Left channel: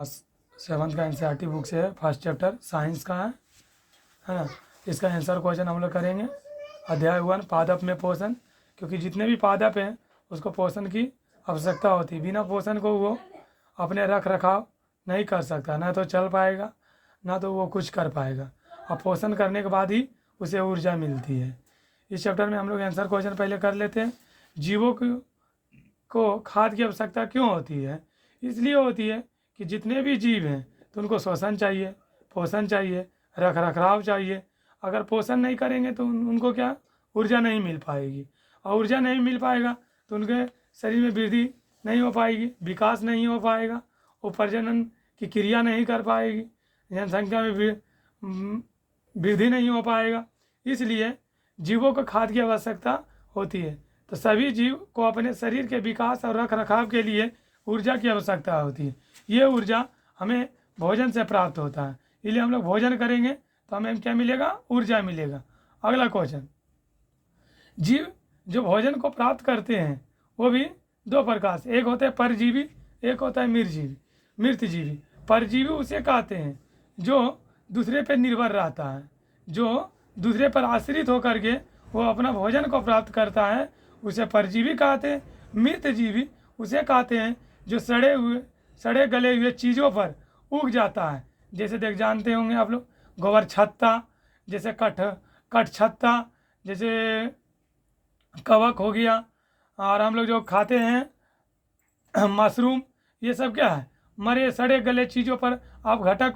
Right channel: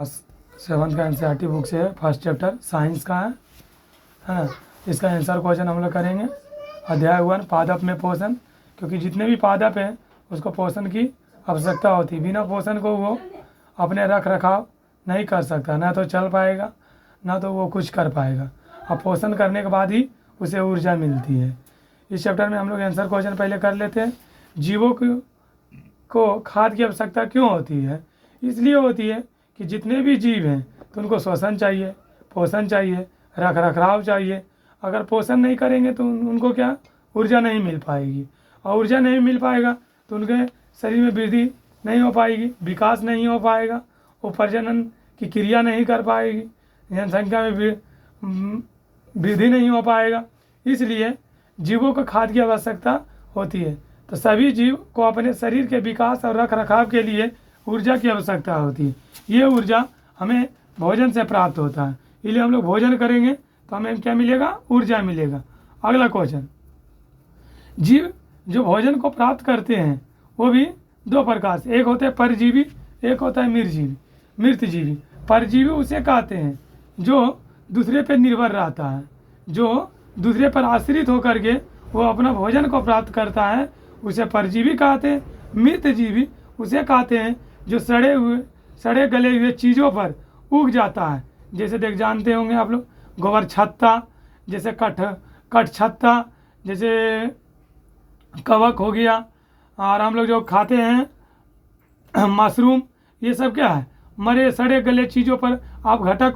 Seventh का NCERT book से है, फर्स्ट चैप्टर साइंस का है ना। इसका आंसर क्वेश्चन हम लोग करेंगे। अध्याय 1 पादप में पोषण, क्योंकि जितने भी पादप हैं उसको पोषण की आवश्यकता होती है। बिना पोषण को वो अपने रख रखाव नहीं कर सकता, ना तो चल पाएगा ना तो वो कुछ कर पाएगा। अब पोषण करने के बाद ही उसे ऊर्जा मिलती है। इस चैप्टर में हम लोग आंसर क्वेश्चन पहले कर लेते हैं। जीवों को खाद की आवश्यकता क्यों होती है? इसलिए होती है कि जितने भी जीव हैं तो उनको श्वसन चाहिए, पोषण चाहिए, रख रखाव चाहिए। अगर पोषण नहीं करेंगे तो उनको क्या ऊर्जा नहीं मिल पाएगी, और ऊर्जा नहीं मिल पाएगा तो उनके शरीर में वृद्धि नहीं हो पाएगी, विकास नहीं हो पाएगा, वो प्रजनन की क्रिया नहीं कर पाएगी, जनसंख्या में वृद्धि नहीं हो पाएगा। इसलिए जीवों को खाद की आवश्यकता होती है। तो सभी जीव को अपने शरीर के विकास और रख रखाव के लिए ऊर्जा की आवश्यकता होती है। ये ऊर्जा हमें भोजन से प्राप्त होता है। इसलिए हम लोग भोजन करेंगे तो हमें क्या मिलेगा? ऊर्जा मिलेगा। अगला क्वेश्चन, जीव जो भोजन को प्राप्त करते हैं वो भी दो प्रकार से, एक होता है परजीवी, एक होता है मृतजीवी। परजीवी उसे कहते हैं जो दूसरे पर निर्भर रहता है, जो दूसरे पर आश्रित होकर के वो अपना भोजन को प्राप्त करता है, उसे परजीवी कहते हैं। मृतजीवी उसे कहते हैं जो सड़े गले हुए चीज़ों पर उग जाता है। जैसे जानते होंगे आप लोग, गोबर छत्ता, जैसे कट छत्ता, जैसे कवक हो गया, और हम लोग जो खाते हैं मशरूम, ये सब क्या है? मरे सड़े गले चीज़ों पर आप घटक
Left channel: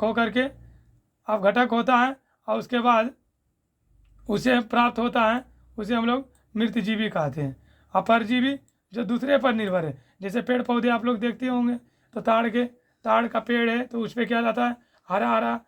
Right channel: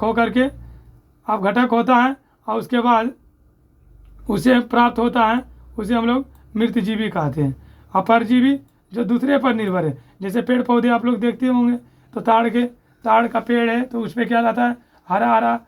होता है और उसके बाद उसे प्राप्त होता है, उसे हम लोग मृतजीवी कहते हैं। और परजीवी जो दूसरे पर निर्भर है, जैसे पेड़ पौधे आप लोग देखते होंगे, तो ताड़ का पेड़ है तो उसमें क्या रहता है? हरा हरा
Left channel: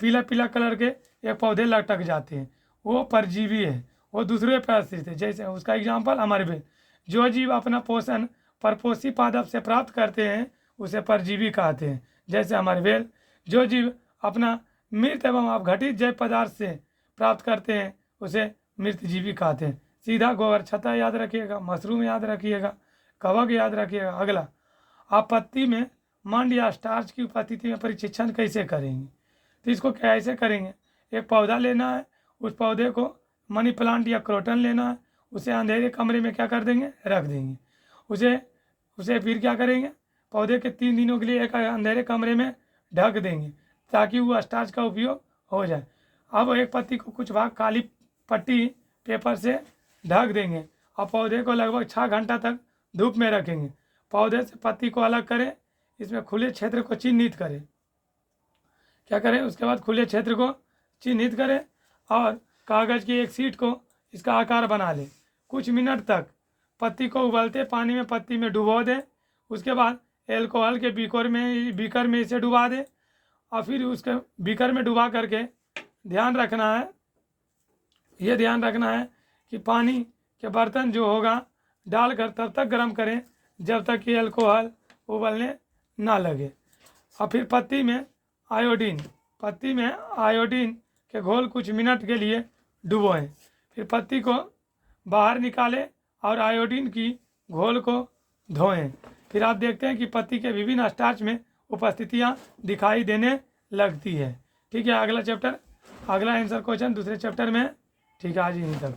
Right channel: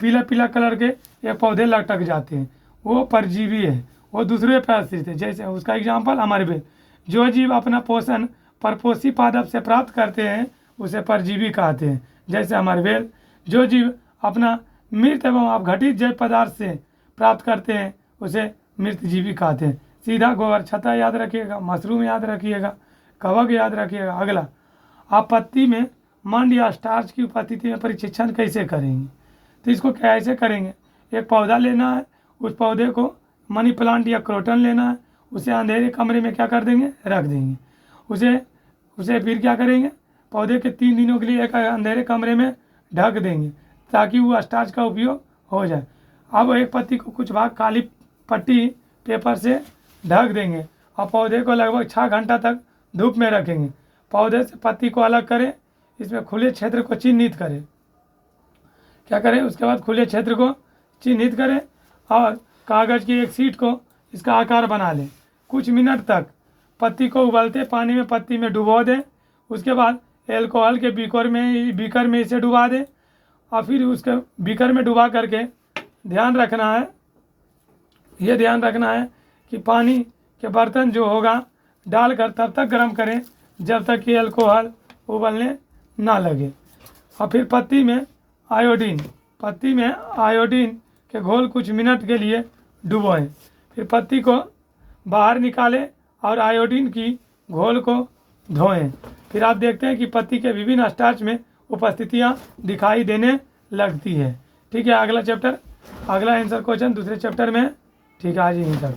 पीला पीला कलर के ये पौधे लटक जाते हैं, वो परजीवी है, वो दूसरे पर आश्रित है। जैसे उसका एग्जाम्पल हमारे बेल, जो जीव अपना पोषण परपोषी पादप से प्राप्त करते हैं उसे परजीवी कहते हैं। जैसे हमारे बेल, जो जीव अपना मृत एवं अपघटित जैव पदार्थ से प्राप्त करते हैं उसे मृतजीवी कहते हैं। सीधा गोबर छत्ता याद रखिएगा, मशरूम याद रखिएगा, कवक याद रखिएगा। अगला, आप पत्ती में मंड या स्टार्च की उपस्थिति में परिक्षेक्षण कैसे करेंगे? तो इसको कैसे करेंगे? एक पौधा लेना है, उस पौधे को मनी प्लांट या क्रोटन लेना है, उसे अंधेरे कमरे में क्या कर देंगे? रख देंगे। उसे फिर क्या करेंगे? पौधे के 3 दिनों के लिए एक अंधेरे कमरे में ढक देंगे ताकि वो स्टार्च का उपयोग हो जाए। अब एक पत्ती को कुछ भाग काली पट्टी पेपर से ढक देंगे और पौधे को लगभग 6 घंटा तक धूप में रखेंगे। पौधे से पत्ती को अलग करें, इसमें खुले क्षेत्र को चिन्हित करें। क्या करें? उसके बाद खुले क्षेत्र को चिन्हित करें और कागज़ की एक शीट को इसका आकार बना लें। कुछ मिनट तक पत्ती को उबलते पानी में पत्ती में डुबो दें। उसके बाद एल्कोहल के बीकर में इसे डुबा दें और फिर उसके बीकर में डुबा करके ध्यान रखना है कि पानी के बर्तन जो होगा डालकर तब तक गर्म करें जब तक कि अल्कोहल उबलने ना लगे। और फिर पत्ती में आयोडीन के घोल कुछ मिनट के लिए डुबोएं। फिर पत्ती को बाहर निकालें और आयोडीन की घोल को धोएं। फिर आप देखते हैं कि पत्ती के विभिन्न स्टार्च में उपस्थितियाँ दिखाई देने लगती है। ठीक है, अगला आंसर क्वेश्चन दूसरे चैप्टर में। ठीक है, आज यहीं तक।